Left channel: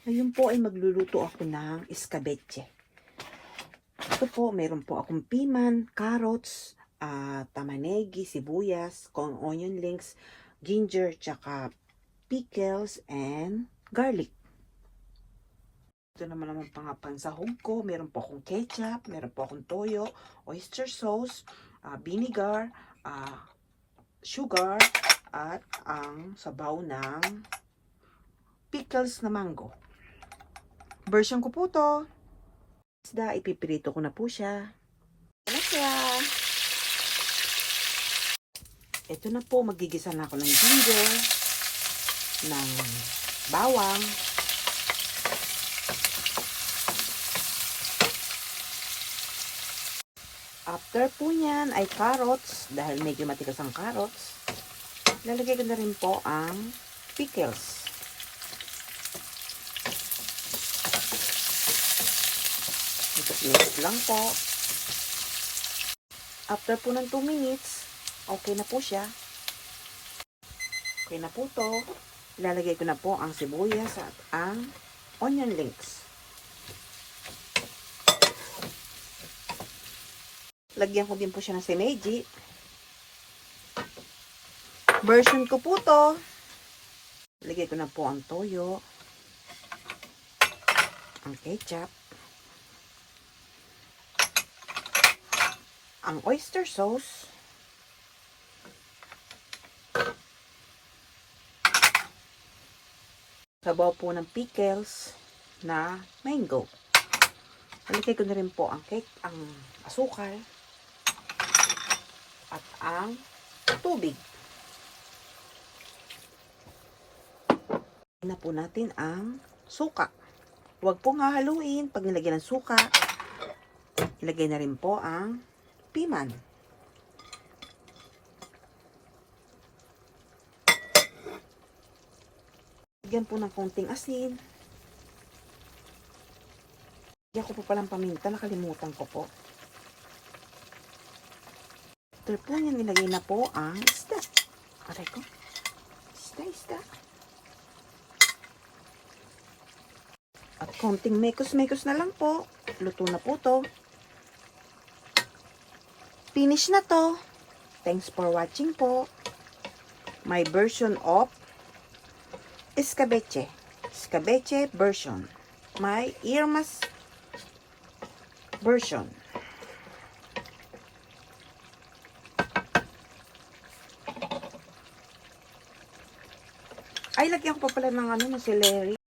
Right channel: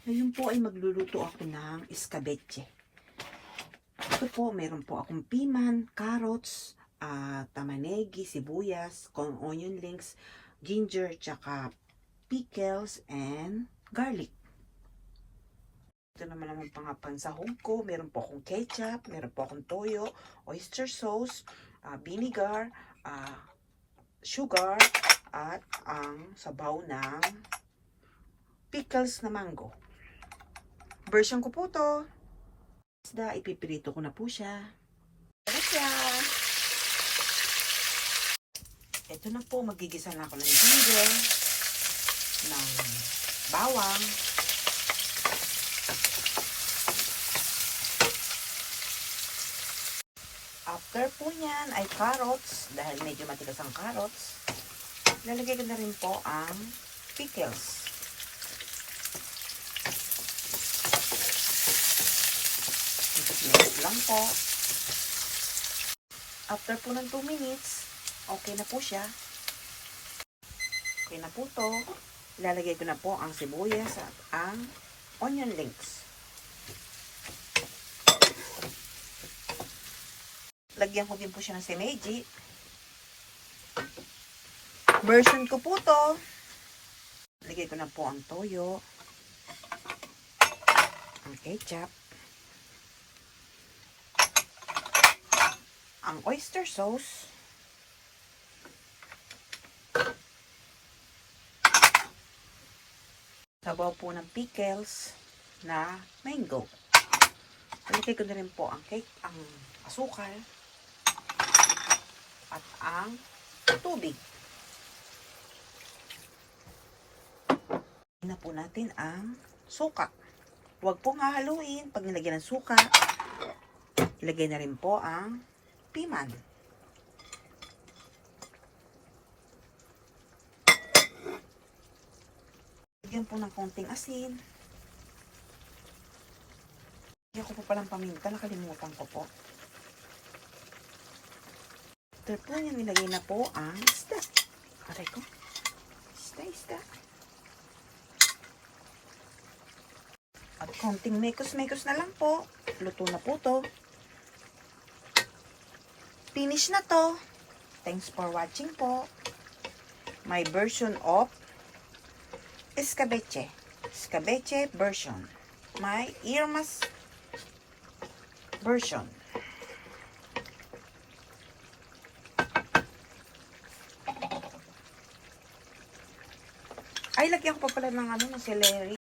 Ngayon po ay magluluto ako ng escabeche. Ito po, meron po akong piman, carrots, tamanegi, sibuyas, onion links, ginger, tsaka pickles, and garlic. Ito naman ang mga pansahog ko. Meron po akong ketchup, meron po akong toyo, oyster sauce, vinegar, sugar, at ang sabaw ng pickles na mango. Version ko po to. Isda, ipipirito ko na po siya. Ito na po, magigisa na ako ng ginger, ng bawang, after po niyan ay carrots, dahil medyo matigas ang carrots, lalagay ko na rin po ang pickles. Mix lang po. After po ng 2 minutes, okay na po siya. Okay na po to. Ilalagay ko na po ang sibuyas at ang onion links. Lagyan ko din po siya ng semeji. Version ko po to. Lagay ko na po ang toyo, ang ketchup, ang oyster sauce, sabaw po ng pickles na mango. Lagay ko na rin po ang asukal at ang tubig. Na po natin ang suka. Huwag pong hahaluin. Pag nilagyan ng suka, ilagay na rin po ang piman. Lagyan po ng konting asin. Lagyan ko po palang paminta. Nakalimutan ko po. After po yan, nilagay na po ang isda. Aray ko. Isda. At konting mekos-mekos na lang po. Luto na po to. Finish na to. Thanks for watching po. My version of escabeche. Escabeche version. My Irma's version. Ay, lagyan ko pa pala ng ng celery.